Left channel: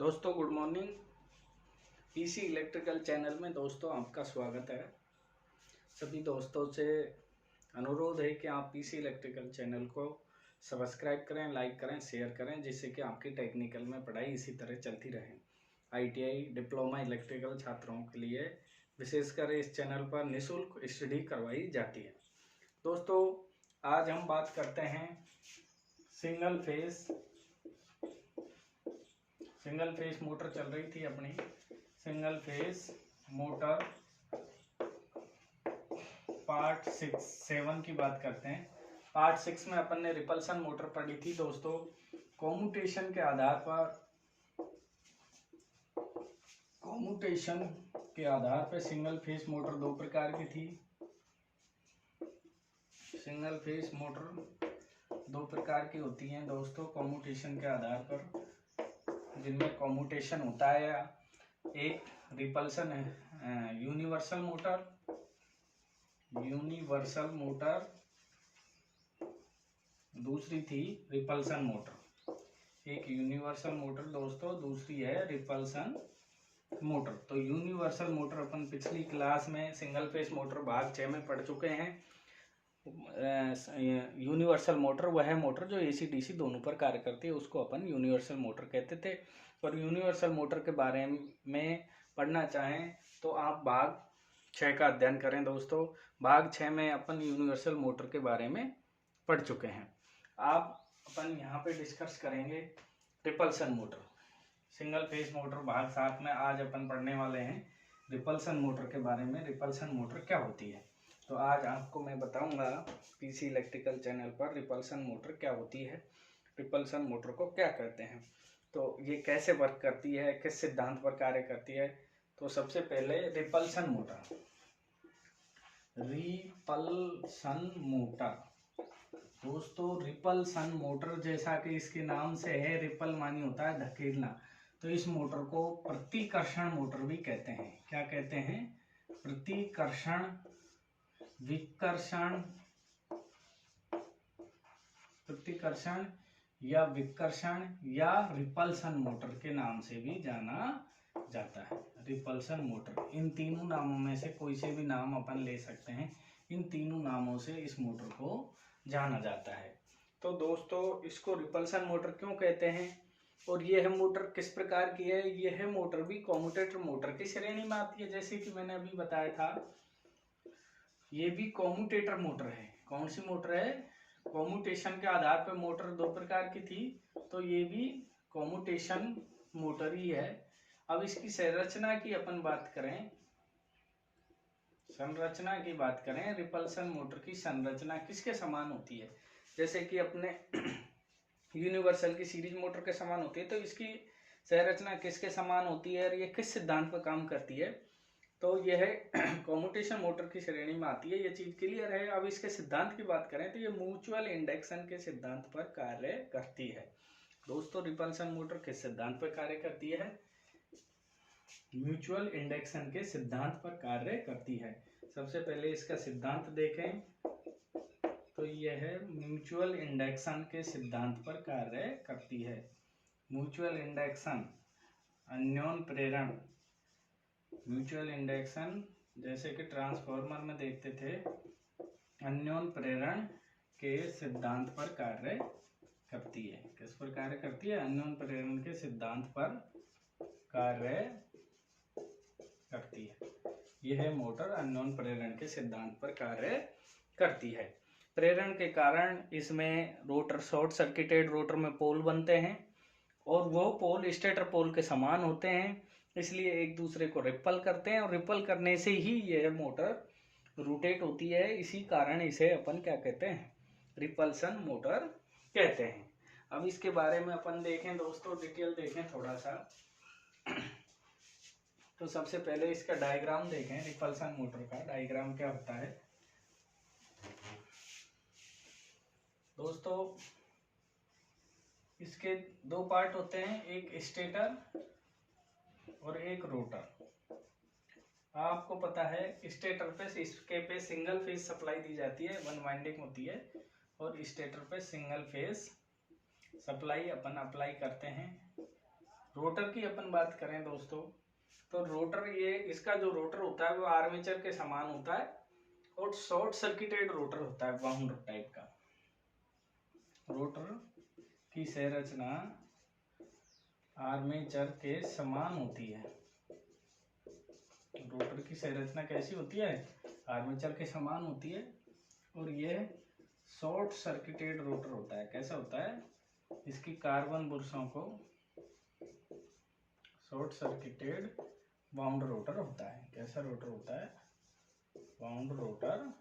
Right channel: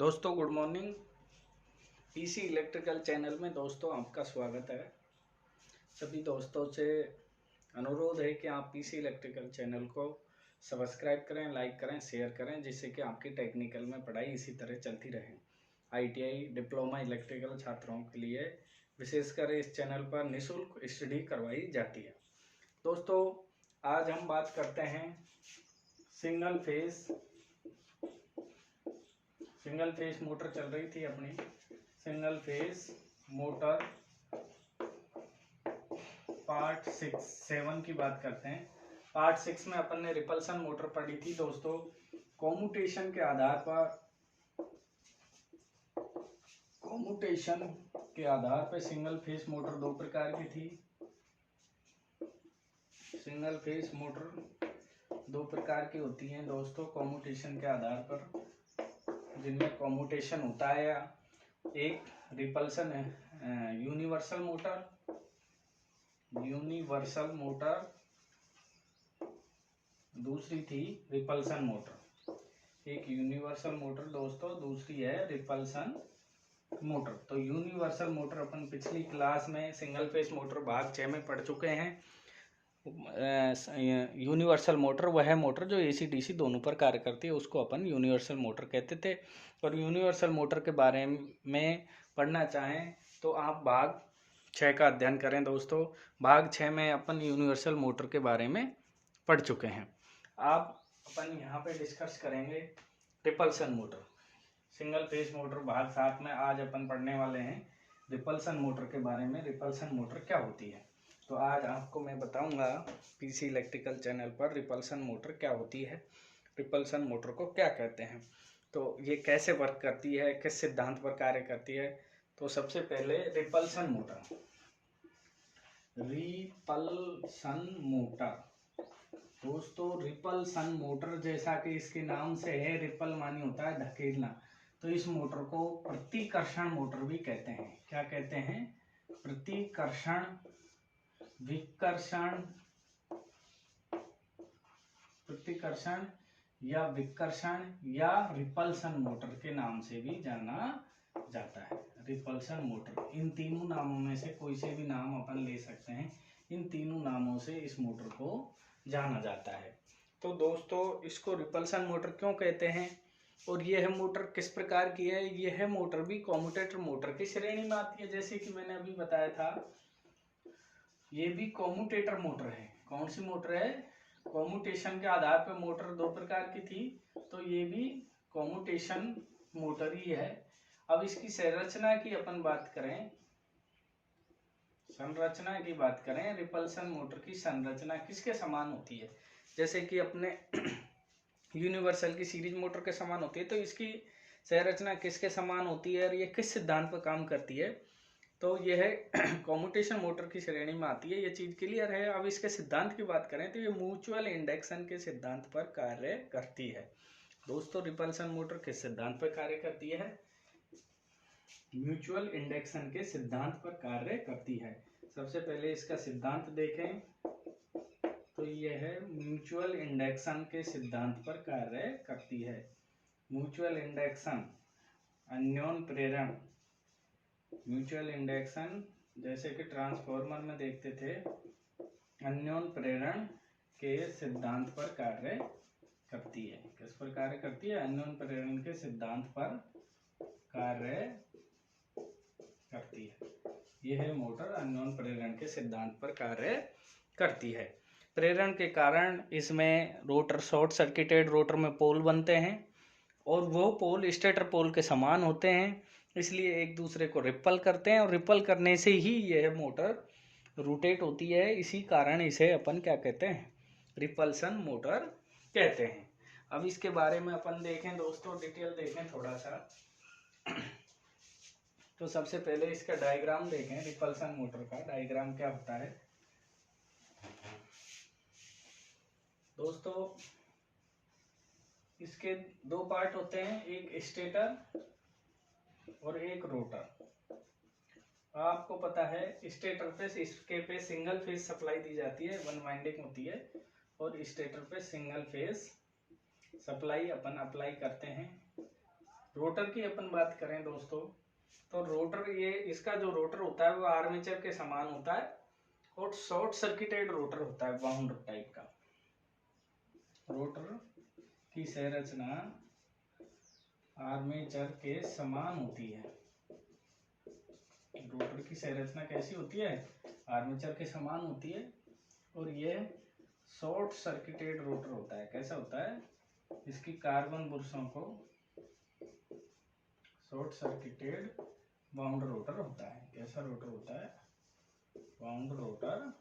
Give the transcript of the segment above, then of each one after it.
दोस्तों good morning. PC electrical channel में दोस्तों आपका स्वागत है। सभी दोस्तों से अनुरोध है कि आप पीसी इलेक्ट्रिकल चैनल को सब्सक्राइब करें, लाइक करें, शेयर करें, जिससे कि आपकी टेक्निकल में पढ़ाई इसी तरह चलती रहे। आईटीआई डिप्लोमा इलेक्ट्रिकल छात्रों के लिए विशेषकर इस चैनल पर निःशुल्क स्टडी करवाई जाती है। दोस्तों आज हम बात करते हैं सिंगल फेस मोटर चल रही थी अपनी। सिंगल फेस मोटर पार्ट 7 की बात करते हैं। पार्ट 6 में अपन ने रिपल्सन मोटर पढ़ी थी दोस्तों। कॉम्यूटेशन के आधार पर सिंगल फेस मोटर दो प्रकार की थी। सिंगल फेस मोटर दो प्रकार की होती हैं दोस्तों कॉम्यूटेशन के आधार पर, जिनमें कॉम्यूटेशन होता है या एक रिपल्सन है यूनिवर्सल मोटर, दूसरी थी रिपल्सन मोटर। एक यूनिवर्सल मोटर दोस्तों, दूसरी है रिपल्सन मोटर। तो यूनिवर्सल मोटर अपन पिछली क्लास में सिंगल फेस मोटर भाग 6 में पढ़ चुके हैं। यूनिवर्सल मोटर वह है मोटर जो एसी डीसी दोनों पर कार्य करती है, उसको अपन यूनिवर्सल मोटर कहते थे। और यूनिवर्सल मोटर के बारे में पढ़ना चाहें तो आप भाग 6 का अध्ययन करें दोस्तों। भाग 6 में अपन यूनिवर्सल मोटर के बारे में पढ़ चुके हैं। आप अपन यहाँ पे डिस्कस करेंगे repulsion motor. Single phase motor भाग 7 में आज अपन पढ़ने वाले हैं रिपल्सन मोटर के बारे में। रिपल्सन मोटर क्या होती है, तो आज आपको मैं बताऊंगा पीसी इलेक्ट्रिकल चैनल पर रिपल्सन मोटर क्या होती है, रिपल्सन मोटर को क्या कहते हैं, तो ये कैसे वर्क करती है, किस सिद्धांत पर कार्य करती है। तो सबसे पहले रिपल्सन मोटर दोस्तों, रिपल्सन मोटर जैसा कि इसके नाम से है, रिपल मानी होता है धकेलना, तो इस मोटर को प्रतिकर्षण मोटर भी कहते हैं। क्या कहते हैं? प्रतिकर्षण, प्रतिकर्षण या विकर्षण या रिपल्सन मोटर के नाम से भी जाना जाता है। रिपल्सन मोटर, इन तीनों नामों में से कोई से भी नाम अपन ले सकते हैं। इन तीनों नामों से इस मोटर को जाना जाता है। तो दोस्तों इसको रिपल्सन मोटर क्यों कहते हैं और यह मोटर किस प्रकार की है? यह मोटर भी कॉम्यूटेटर मोटर की श्रेणी में आती है। जैसे कि मैंने अभी बताया था, ये भी कॉम्यूटेटर मोटर है। कौन सी मोटर है? कॉम्यूटेशन के आधार पर मोटर दो प्रकार की थी, तो ये भी कॉम्यूटेशन मोटर ही है। अब इसकी संरचना की अपन बात करें, रिपल्सन मोटर की संरचना किसके समान होती है? जैसे कि अपने यूनिवर्सल की सीरीज मोटर के समान होती है, तो इसकी संरचना किसके समान होती है और ये किस सिद्धांत पर काम करती है? तो यह कॉम्यूटेशन मोटर की श्रेणी में आती है। ये चीज क्लियर है। अब इसके सिद्धांत की बात करें तो ये म्यूचुअल इंडक्शन के सिद्धांत पर कार्य करती है। दोस्तों रिपल्सन मोटर किस सिद्धांत पर कार्य करती है? म्यूचुअल इंडक्शन के सिद्धांत पर कार्य करती है। सबसे पहले इसका सिद्धांत देखें तो यह म्यूचुअल इंडक्शन के सिद्धांत पर कार्य करती है। म्यूचुअल इंडक्शन, अन्योन प्रेरण, म्यूचुअल इंडक्शन जैसे कि ट्रांसफार्मर में देखते थे, अन्योन प्रेरण के सिद्धांत पर कार्य करती है। किस पर कार्य करती है? अन्योन प्रेरण के सिद्धांत पर कार्य करती है। यह मोटर अन्योन प्रेरण के सिद्धांत पर कार्य करती है। प्रेरण के कारण इसमें रोटर, शॉर्ट सर्किटेड रोटर में पोल बनते हैं और वो पोल स्टेटर पोल के समान होते हैं, इसलिए एक दूसरे को रिपल करते हैं और रिपल करने से ही यह मोटर रोटेट होती है। इसी कारण इसे अपन क्या कहते हैं? रिपल्सन मोटर कहते हैं। अब इसके बारे में अपन देखें दोस्तों, डिटेल देखें थोड़ा सा। तो सबसे पहले इसका डायग्राम देखें। रिपल्सन मोटर का डायग्राम क्या होता है दोस्तों? इसके दो पार्ट होते हैं, एक स्टेटर और एक रोटर। आपको पता है स्टेटर पे इसके पे सिंगल फेज सप्लाई दी जाती है, वन वाइंडिंग होती है, और स्टेटर पे सिंगल फेज सप्लाई अपन अप्लाई करते हैं। रोटर की अपन बात करें दोस्तों, तो रोटर, ये इसका जो रोटर होता है वो आर्मेचर के समान होता है और शॉर्ट सर्किटेड रोटर होता है, वाउंड टाइप का। रोटर की संरचना आर्मेचर के समान होती है। रोटर की संरचना कैसी होती है? आर्मेचर के समान होती है और ये शॉर्ट सर्किटेड रोटर होता है। कैसा होता है? इसकी कार्बन बुरुशों को शॉर्ट सर्किटेड वाउंड रोटर होता है। कैसा रोटर होता है? वाउंड रोटर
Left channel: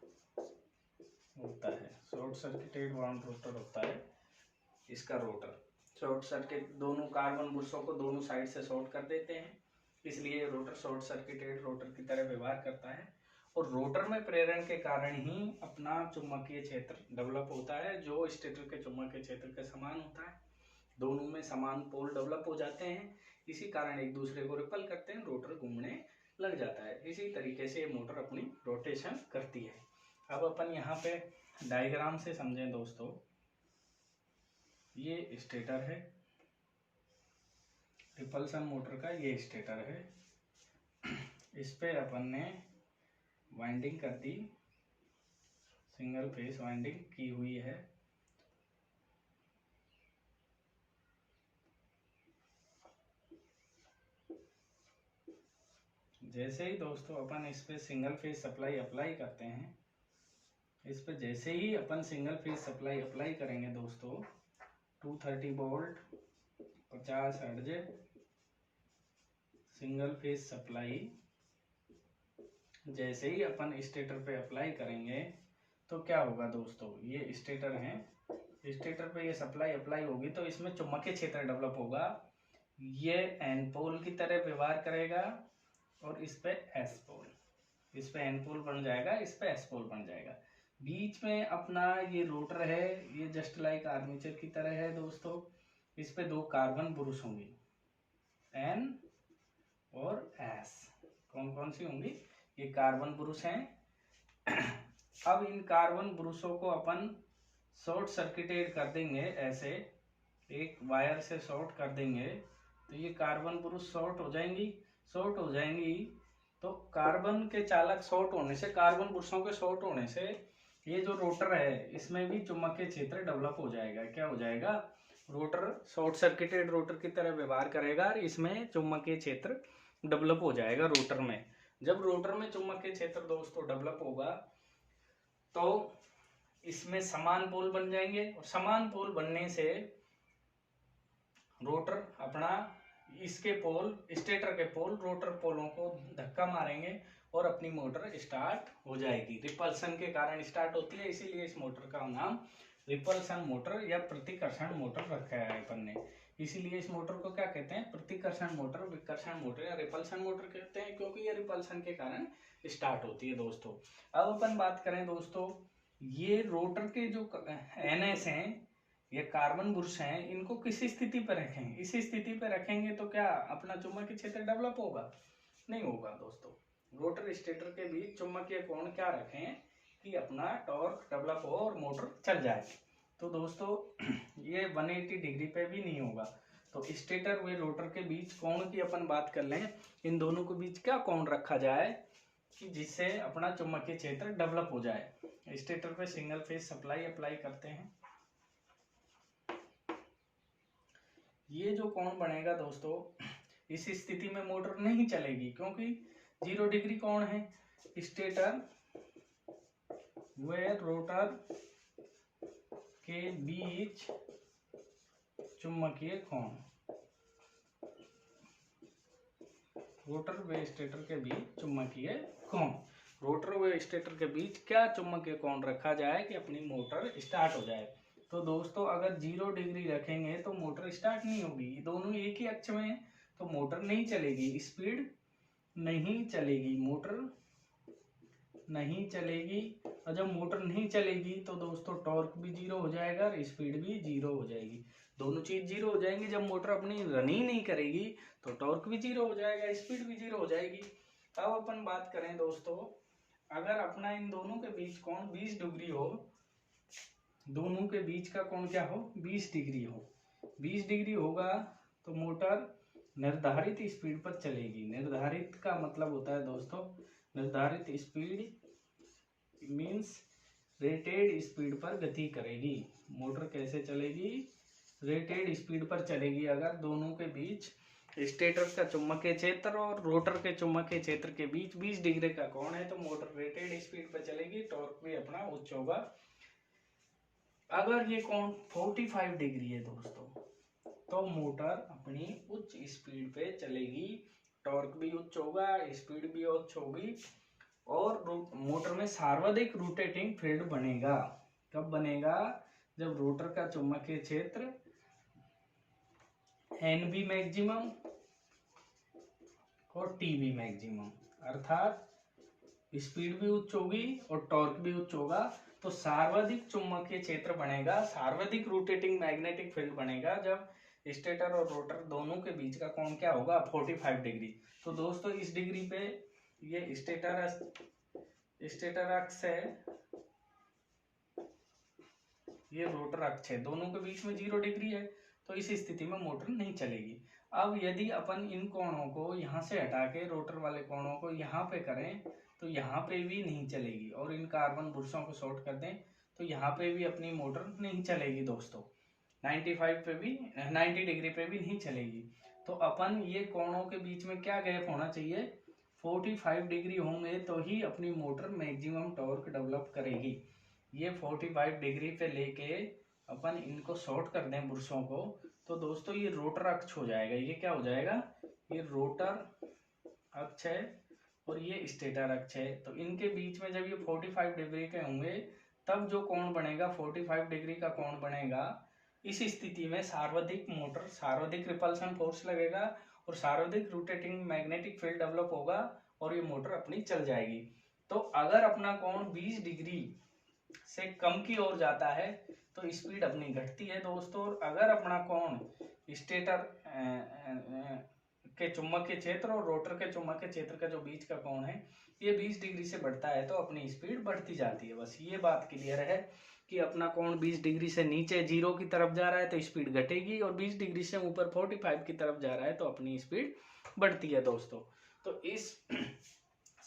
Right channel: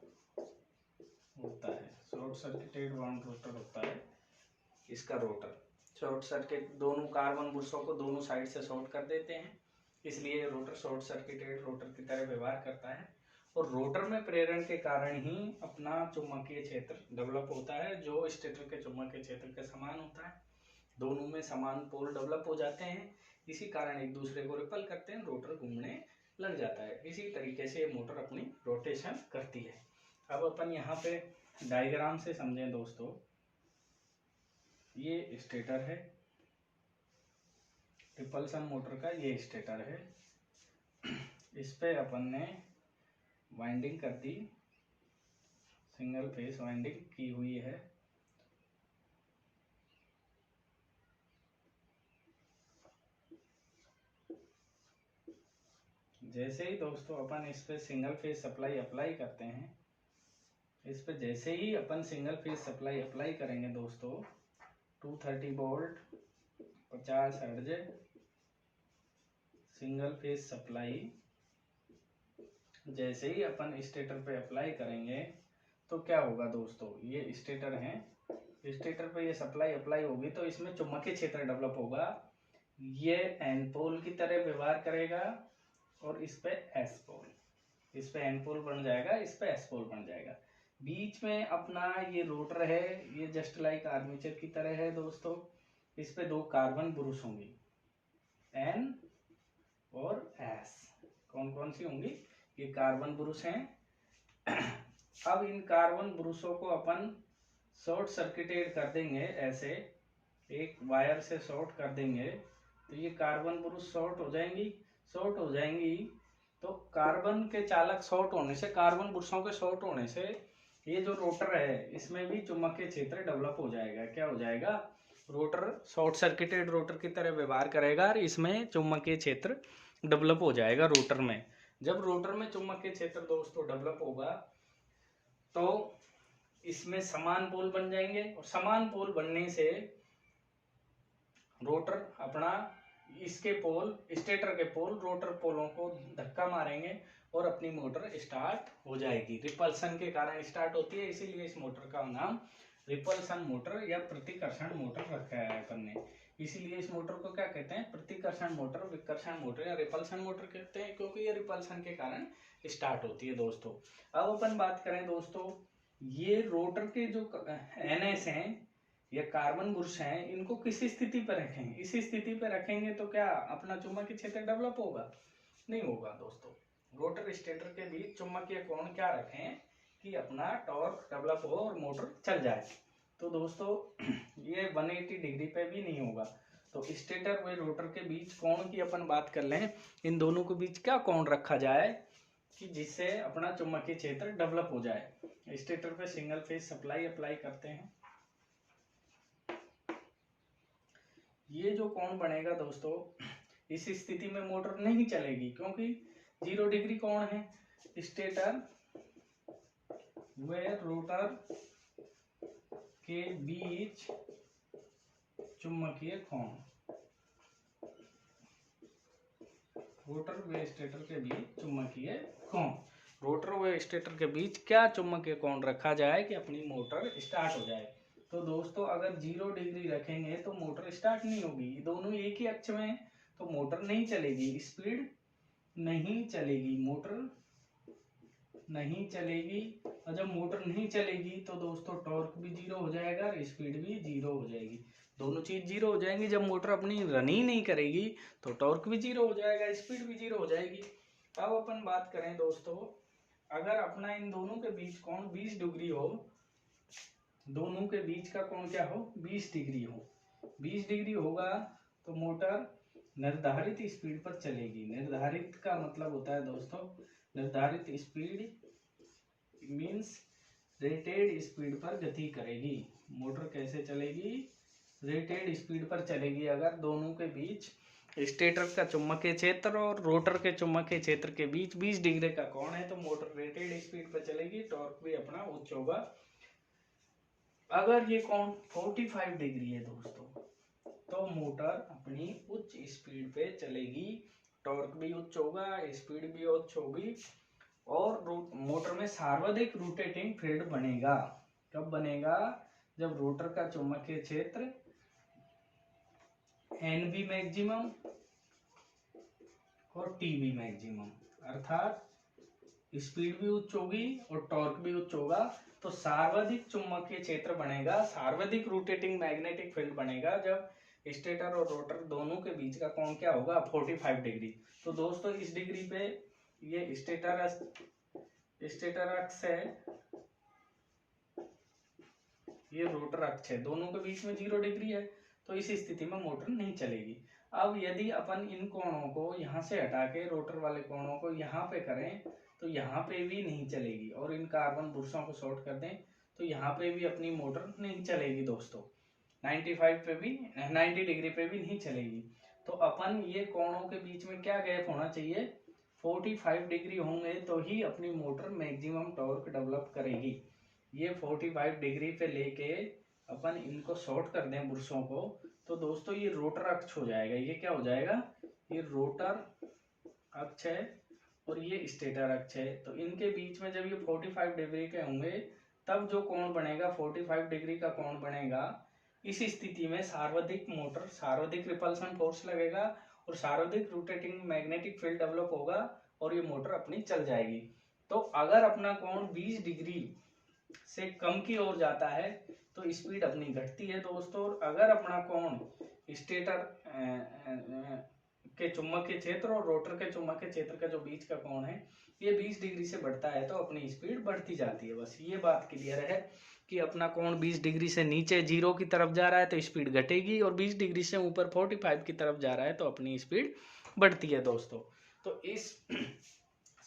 होता है, शॉर्ट सर्किटेड वाउंड रोटर होता है इसका रोटर। शॉर्ट सर्किट, दोनों कार्बन बुरुशों को दोनों साइड से शॉर्ट कर देते हैं, इसलिए रोटर शॉर्ट सर्किटेड रोटर की तरह व्यवहार करता है। और रोटर में प्रेरण के कारण ही अपना चुंबकीय क्षेत्र डेवलप होता है, जो स्टेटर के चुंबकीय क्षेत्र के समान होता है। दोनों में समान पोल डेवलप हो जाते हैं, इसी कारण एक दूसरे को रिपल करते हैं, रोटर घूमने लग जाता है। इसी तरीके से मोटर अपनी रोटेशन करती है। अब अपन यहाँ पे डायग्राम से समझें दोस्तों। ये स्टेटर है, रिपल्सन मोटर का ये स्टेटर है। इस पे अपन ने वाइंडिंग कर दी, सिंगल फेस वाइंडिंग की हुई है। जैसे ही दोस्तों अपन इस पे सिंगल फेज सप्लाई अप्लाई करते हैं, इस पे जैसे ही अपन सिंगल फेज सप्लाई अप्लाई करेंगे दोस्तों, 230 volt 50 hertz single phase supply जैसे ही अपन स्टेटर पे अप्लाई करेंगे तो क्या होगा दोस्तों? ये स्टेटर है, स्टेटर पे ये सप्लाई अप्लाई होगी तो इसमें चुंबकीय क्षेत्र डेवलप होगा। ये एन पोल की तरह व्यवहार करेगा और इस पे एस पोल, इस पे एन पोल बन जाएगा, इस पे एस पोल बन जाएगा। बीच में अपना ये रोटर है, ये जस्ट लाइक आर्मेचर की तरह है दोस्तों। इस पे दो कार्बन बुरुश होंगी, एन और एस। कौन कौन सी होंगी? ये कार्बन बुरुश हैं। अब इन कार्बन बुरुशों को अपन शॉर्ट सर्किटेड कर देंगे, ऐसे एक वायर से शॉर्ट कर देंगे तो ये कार्बन बुरुश शॉर्ट हो जाएंगी। शॉर्ट हो जाएंगी तो कार्बन के चालक शॉर्ट होने से, कार्बन बुरुशों के शॉर्ट होने से ये जो रोटर है इसमें भी चुंबकीय क्षेत्र डेवलप हो जाएगा। क्या हो जाएगा? रोटर शॉर्ट सर्किटेड रोटर की तरह व्यवहार करेगा और इसमें चुंबकीय क्षेत्र डेवलप हो जाएगा रोटर में। जब रोटर में चुंबकीय क्षेत्र दोस्तों डेवलप होगा तो इसमें समान पोल बन जाएंगे और समान पोल बनने से रोटर अपना, इसके पोल, स्टेटर के पोल रोटर पोलों को धक्का मारेंगे और अपनी मोटर स्टार्ट हो जाएगी। रिपल्सन के कारण स्टार्ट होती है, इसीलिए इस मोटर का नाम रिपल्सन मोटर या प्रतिकर्षण मोटर रखा है अपन ने। इसीलिए इस मोटर को क्या कहते हैं? प्रतिकर्षण मोटर, विकर्षण मोटर या रिपल्सन मोटर कहते हैं, क्योंकि ये रिपल्सन के कारण स्टार्ट होती है दोस्तों। अब अपन बात करें दोस्तों, ये रोटर के जो एनएस हैं ये कार्बन बुरुश हैं, इनको किस स्थिति पर रखें? इस स्थिति पर रखेंगे तो क्या अपना चुंबकीय क्षेत्र डेवलप होगा? नहीं होगा दोस्तों। रोटर स्टेटर के बीच चुंबकीय कोण क्या रखें कि अपना टॉर्क डेवलप हो और मोटर चल जाए। तो दोस्तों ये 180 डिग्री पे भी नहीं होगा। तो स्टेटर व रोटर के बीच कोण की अपन बात कर लें, इन दोनों के बीच क्या कोण रखा जाए कि जिससे अपना चुंबकीय क्षेत्र डेवलप हो जाए। स्टेटर पे सिंगल फेज सप्लाई अप्लाई करते हैं, ये जो कोण बनेगा दोस्तों, इस स्थिति में मोटर नहीं चलेगी क्योंकि 0 डिग्री कोण है। स्टेटर व रोटर के बीच चुंबकीय कोण, रोटर व स्टेटर के बीच चुंबकीय कोण, रोटर व स्टेटर के बीच क्या चुंबकीय कोण रखा जाए कि अपनी मोटर स्टार्ट हो जाए। तो दोस्तों अगर 0 डिग्री रखेंगे तो मोटर स्टार्ट नहीं होगी, दोनों एक ही अक्ष में है तो मोटर नहीं चलेगी, स्पीड नहीं चलेगी, मोटर नहीं चलेगी। और जब मोटर नहीं चलेगी तो दोस्तों टॉर्क भी 0 हो जाएगा और स्पीड भी 0 हो जाएगी। दोनों चीज 0 हो जाएंगी। जब मोटर अपनी रन ही नहीं करेगी तो टॉर्क भी 0 हो जाएगा, स्पीड भी 0 हो जाएगी। अब अपन बात करें दोस्तों, अगर अपना इन दोनों के बीच कोण 20 डिग्री हो, दोनों के बीच का कोण क्या हो? 20 डिग्री हो। 20 डिग्री होगा तो मोटर निर्धारित स्पीड पर चलेगी। निर्धारित का मतलब होता है दोस्तों, निर्धारित स्पीड मीन्स रेटेड स्पीड पर गति करेगी। मोटर कैसे चलेगी? रेटेड स्पीड पर चलेगी। अगर दोनों के बीच स्टेटर का चुंबकीय क्षेत्र और रोटर के चुंबकीय क्षेत्र के बीच 20 डिग्री का कोण है तो मोटर रेटेड स्पीड पर चलेगी, टॉर्क भी अपना उच्च होगा। अगर ये कोण 45 डिग्री है दोस्तों तो मोटर अपनी उच्च स्पीड पे चलेगी, टॉर्क भी उच्च होगा, स्पीड भी उच्च होगी और मोटर में सर्वाधिक रोटेटिंग फील्ड बनेगा। कब बनेगा? जब रोटर का चुंबकीय क्षेत्र NB मैक्सिमम और TB मैक्सिमम, अर्थात स्पीड भी उच्च होगी और टॉर्क भी उच्च होगा तो सर्वाधिक चुंबकीय क्षेत्र बनेगा, सर्वाधिक रोटेटिंग मैग्नेटिक फील्ड बनेगा जब स्टेटर और रोटर दोनों के बीच का कोण क्या होगा? 45 डिग्री। तो दोस्तों इस डिग्री पे ये स्टेटर अक्ष है, ये रोटर अक्ष है, दोनों के बीच में 0 डिग्री है तो इस स्थिति में मोटर नहीं चलेगी। अब यदि अपन इन कोणों को यहाँ से हटा के रोटर वाले कोणों को यहाँ पे करें तो यहाँ पे भी नहीं चलेगी और इन कार्बन बुर्सों को शॉर्ट कर दें तो यहाँ पे भी अपनी मोटर नहीं चलेगी दोस्तों। 95 पे भी 90 डिग्री पे भी नहीं चलेगी। तो अपन ये कोणों के बीच में क्या गैप होना चाहिए? 45 डिग्री होंगे तो ही अपनी मोटर मैक्सिमम टॉर्क डेवलप करेगी। ये 45 डिग्री पे लेके अपन इनको शॉर्ट कर दें बुर्सों को तो दोस्तों ये रोटर अक्ष हो जाएगा। ये क्या हो जाएगा? ये रोटर अक्ष है और ये स्टेटर अक्ष है। तो इनके बीच में जब ये 45 डिग्री के होंगे तब जो कोण बनेगा 45 डिग्री का कोण बनेगा। इस स्थिति में सर्वाधिक रिपल्सन फोर्स लगेगा और सर्वाधिक रोटेटिंग मैग्नेटिक फील्ड डेवलप होगा और ये मोटर अपनी चल जाएगी। तो अगर अपना कोण 20 डिग्री से कम की ओर जाता है तो स्पीड अपनी घटती है दोस्तों। अगर अपना कोण स्टेटर के चुंबकीय क्षेत्र और रोटर के चुंबकीय क्षेत्र का जो बीच का कोण है ये 20 डिग्री से बढ़ता है तो अपनी स्पीड बढ़ती जाती है। बस ये बात क्लियर है कि अपना कोण 20 डिग्री से नीचे 0 की तरफ जा रहा है तो स्पीड घटेगी और 20 डिग्री से ऊपर 45 की तरफ जा रहा है तो अपनी स्पीड बढ़ती है दोस्तों। तो इस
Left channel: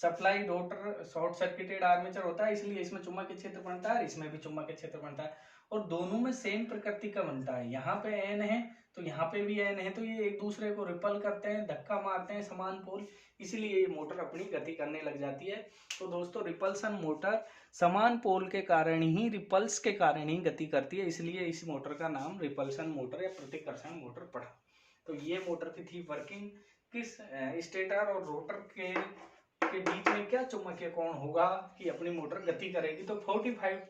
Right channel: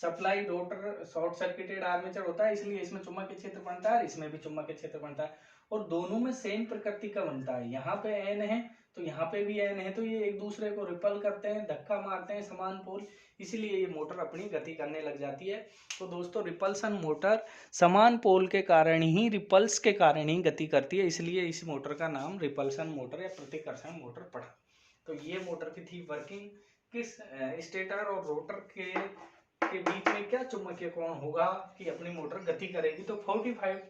supply rotor short circuited armature होता है इसलिए इसमें चुंबकीय क्षेत्र बनता है, इसमें भी चुंबकीय क्षेत्र बनता है और दोनों में सेम प्रकृति का बनता है। यहाँ पे N है तो यहाँ पे भी N है तो ये एक दूसरे को रिपल करते हैं, धक्का मारते हैं समान पोल, इसीलिए ये मोटर अपनी गति करने लग जाती है। तो दोस्तों रिपल्सन मोटर समान पोल के कारण ही, रिपल्स के कारण ही गति करती है, इसलिए इस मोटर का नाम रिपल्सन मोटर या प्रतिकर्षण मोटर पड़ा। तो ये मोटर की थी वर्किंग। किस स्टेटर और रोटर के बीच में क्या चुंबकीय कोण होगा कि अपनी मोटर गति करेगी। तो 45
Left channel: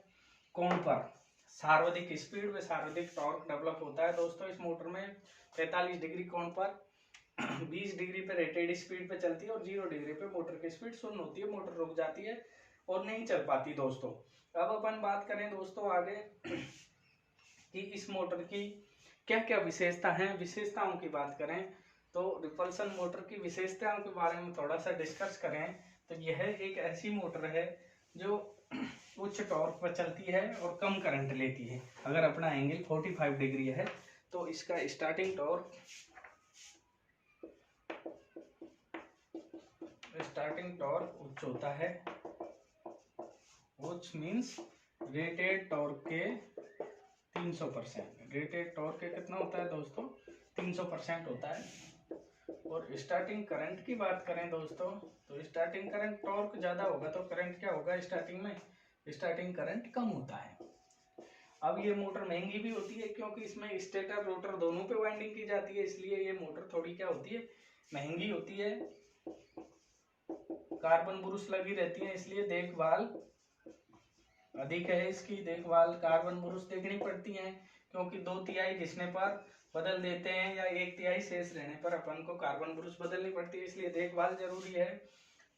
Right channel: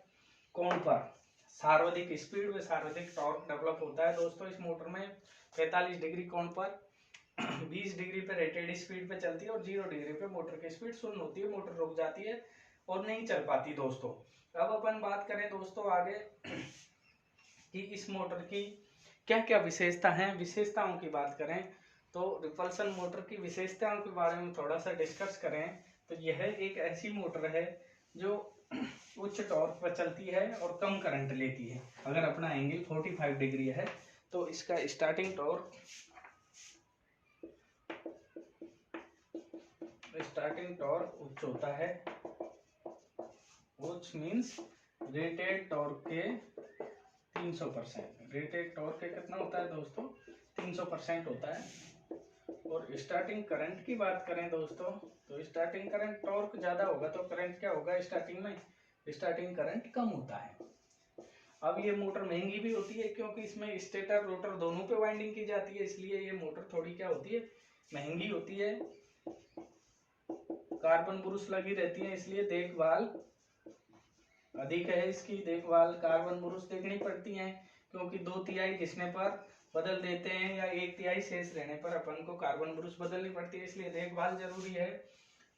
कोण पर सर्वाधिक स्पीड व सर्वाधिक टॉर्क डेवलप होता है दोस्तों इस मोटर में। 45 डिग्री कोण पर 20 डिग्री पे रेटेड स्पीड पे चलती है और 0 डिग्री पे मोटर की स्पीड शून्य होती है, मोटर रुक जाती है और नहीं चल पाती दोस्तों। अब अपन बात करें दोस्तों आगे कि इस मोटर की क्या क्या विशेषता हैं। विशेषताओं की बात करें तो रिपल्सन मोटर की विशेषताओं के बारे में थोड़ा सा डिस्कस करें तो यह एक ऐसी मोटर है जो उच्च टॉर्क पर चलती है और कम करंट लेती है। अगर अपना एंगल 45 डिग्री है तो इसका स्टार्टिंग टॉर्क उच्च होता है। उच्च मीन्स रेटेड टॉर्क के 300%। रेटेड टॉर्क के कितना होता है दोस्तों? 300% होता है। और स्टार्टिंग करंट की बात करें दोस्तों तो स्टार्टिंग करंट टॉर्क ज्यादा होगा तो करंट क्या होगा स्टार्टिंग में? स्टार्टिंग करंट कम होता है। अब ये मोटर महंगी भी होती है क्योंकि इसमें स्टेटर रोटर दोनों पे वाइंडिंग की जाती है, इसलिए ये मोटर थोड़ी क्या होती है? महंगी होती है। कार्बन ब्रुश लगी रहती है इसलिए देखभाल अधिक है। इसकी देखभाल कार्बन ब्रुश देखनी पड़ती है क्योंकि 2/3 घिसने पर बदल देते हैं या 1/3 शेष रहने पर अपन को कार्बन ब्रुश बदलनी पड़ती है, इसलिए देखभाल जरूरी है।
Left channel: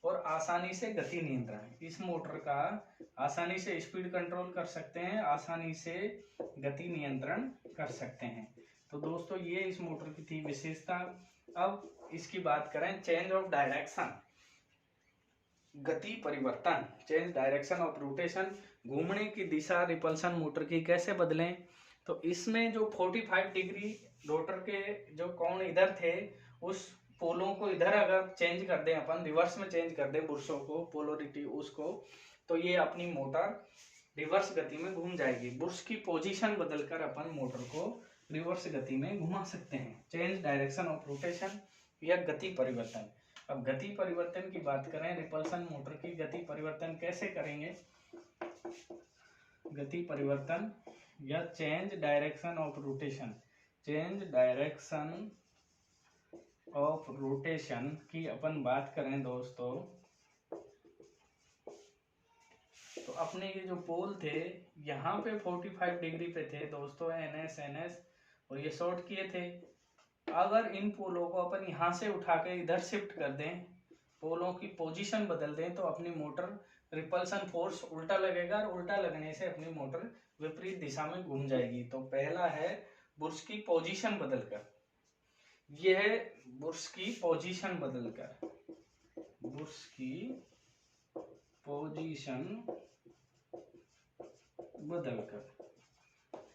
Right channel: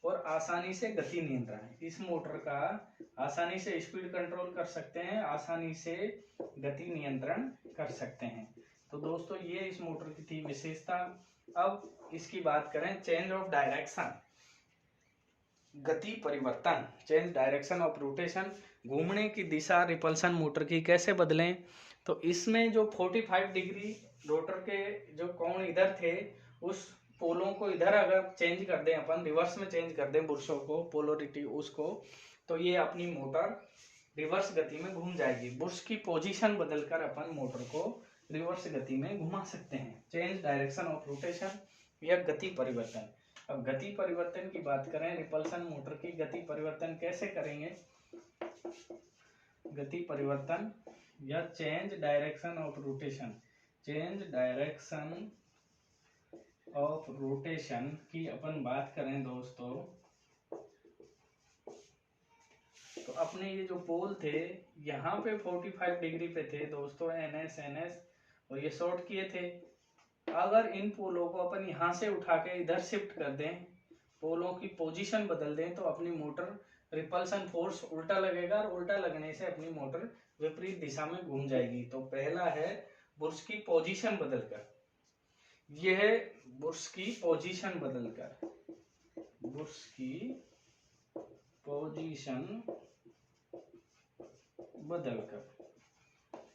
और आसानी से गति नियंत्रण, इस मोटर का आसानी से स्पीड कंट्रोल कर सकते हैं, आसानी से गति नियंत्रण कर सकते हैं। तो दोस्तों ये इस मोटर की थी विशेषता। अब इसकी बात करें चेंज ऑफ डायरेक्शन, गति परिवर्तन, चेंज डायरेक्शन ऑफ रोटेशन, घूमने की दिशा रिपल्सन मोटर की कैसे बदलें। तो इसमें जो 45 डिग्री रोटर के जो कोण इधर थे उस पोलों को इधर अगर चेंज कर दें अपन, रिवर्स में चेंज कर दें बुरशों को, पोलरिटी उसको, तो ये अपनी मोटर रिवर्स गति में घूम जाएगी। बुर्श की पोजीशन बदलकर अपन मोटर को रिवर्स गति में घुमा सकते हैं। चेंज डायरेक्शन ऑफ रोटेशन या गति परिवर्तन। अब गति परिवर्तन की बात करें, रिपल्सन मोटर की गति परिवर्तन कैसे करेंगे? गति परिवर्तन या change direction of rotation, change direction of rotation की अपन बात करें दोस्तों, तो अपने ये जो पोल थे यहाँ पे 45 डिग्री पे थे दोस्तों, NS NS, और ये शॉर्ट किए थे। अगर इन पोलों को अपन यहाँ से उठा के इधर शिफ्ट कर दें, पोलों की पोजीशन बदल दें, तो अपनी मोटर रिपल्सन फोर्स उल्टा लगेगा, और उल्टा लगने से अपनी मोटर विपरीत दिशा में घूम जाएगी। तो पहला है बुर्श की पोजीशन बदलकर, यह है बुर्श की पोजीशन बदलकर, बुर्श की पोजीशन बदलकर,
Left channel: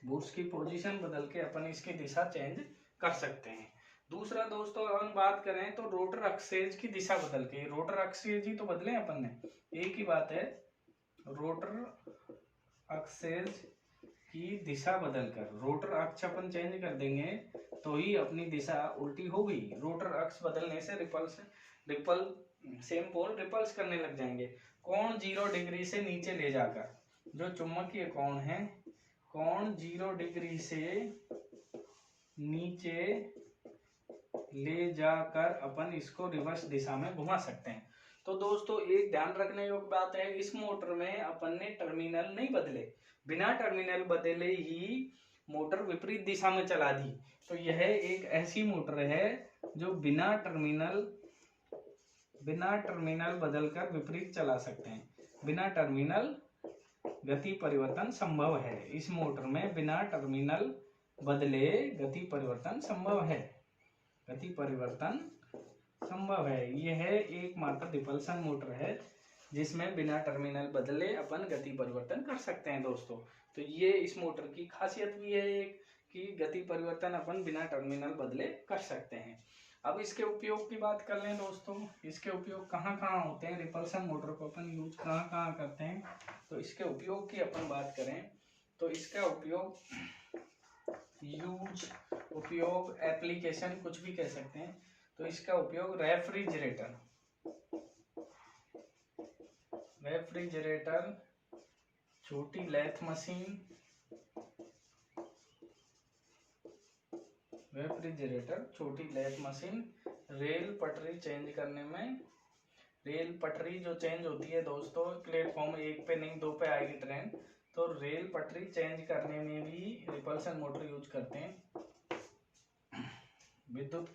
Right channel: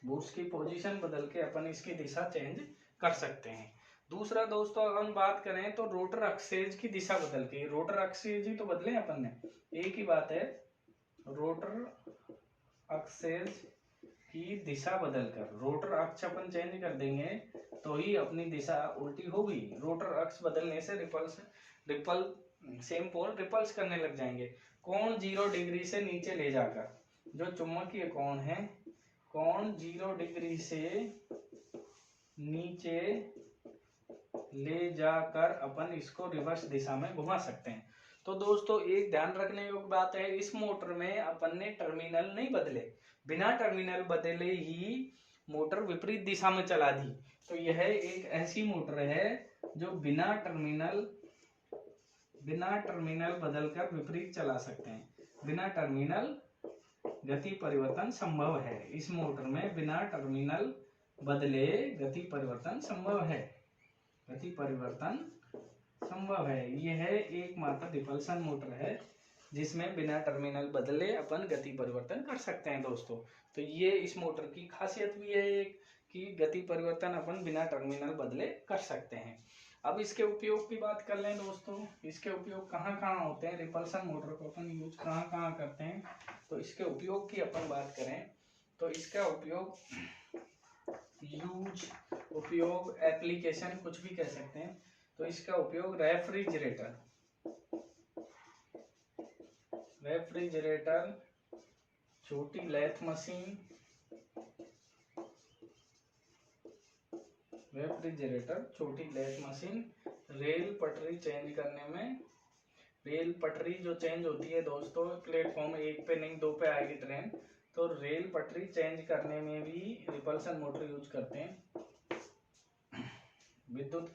बुर्श की पोजीशन बदल के अपन इसकी दिशा चेंज कर सकते हैं। दूसरा दोस्तों अगर हम बात करें तो रोटर एक्सेज की दिशा बदल के, रोटर एक्सेज ही तो बदले अपन ने, एक ही बात है, रोटर एक्सेज की दिशा बदलकर, रोटर अक्ष अपन चेंज कर देंगे तो ही अपनी दिशा उल्टी होगी। रोटर अक्ष बदलने से सेम पोल रिपल्स करने लग जाएंगे। कोण 0 डिग्री से नीचे ले जाकर, जो चुंबकीय कोण है, कोण 0 डिग्री से नीचे ले जाकर अपन इसको रिवर्स दिशा में घुमा सकते हैं। तो दोस्तों एक ध्यान रखने योग्य बात है, इस मोटर में अपन ने टर्मिनल नहीं बदले, बिना टर्मिनल बदले ही मोटर विपरीत दिशा में चला दी। तो यह एक ऐसी मोटर है जो बिना टर्मिनल बदलकर विपरीत चला सकते हैं। बिना टर्मिनल गति परिवर्तन संभव है। इस मोटर में बिना टर्मिनल बदले गति परिवर्तन संभव है, गति परिवर्तन संभव है। यह एकमात्र रिपल्सन मोटर है जिसमें बिना टर्मिनल बदले अपन गति परिवर्तन कर सकते हैं दोस्तों। तो ये इस मोटर की खासियत भी है कि गति परिवर्तन अपन बिना टर्मिनल बदले कर सकते हैं। अब इसके उपयोग की बात कर लें दोस्तों, इसके उपयोग कहाँ कहाँ होते हैं, रिपल्सन मोटर को अपन यूज कहाँ कहाँ करते हैं। तो इसके उपयोग की अपन बात करें तो इसका उपयोग एप्लीकेशन कुछ भी कह सकते हैं। तो इसका उपयोग रेफ्रिजरेटर, छोटी लेथ मशीन, रेल पटरी चेंज करने में, रेल पटरी जो चेंज होती है दोस्तों, प्लेटफॉर्म 1 पे नहीं 2 पे आएगी ट्रेन, तो रेल पटरी चेंज करने में भी रिपल्सन मोटर यूज करते हैं। विद्युत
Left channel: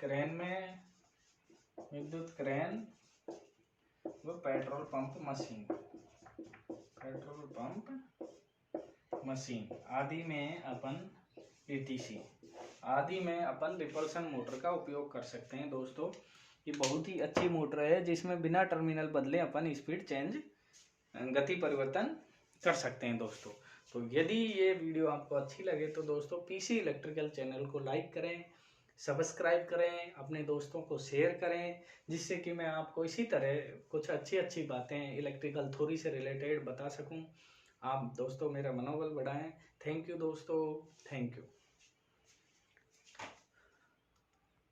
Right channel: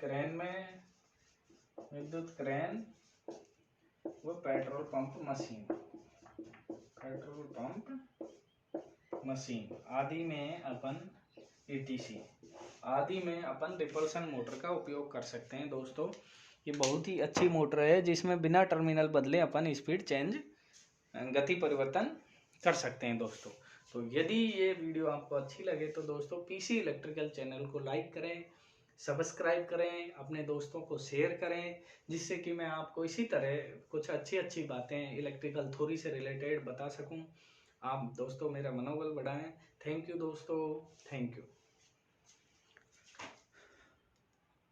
क्रेन व पेट्रोल पंप मशीन आदि में अपन रिपल्सन मोटर का उपयोग कर सकते हैं दोस्तों। ये बहुत ही अच्छी मोटर है जिसमें बिना टर्मिनल बदले अपन स्पीड चेंज, गति परिवर्तन कर सकते हैं दोस्तों। तो यदि ये वीडियो आपको अच्छी लगे तो दोस्तों पीसी इलेक्ट्रिकल चैनल को लाइक करें, सब्सक्राइब करें, अपने दोस्तों को शेयर करें, जिससे कि मैं आपको इसी तरह कुछ अच्छी बातें इलेक्ट्रिकल थ्योरी से रिलेटेड बता सकूं। आप दोस्तों मेरा मनोबल बढ़ाएं। थैंक यू दोस्तों, थैंक यू।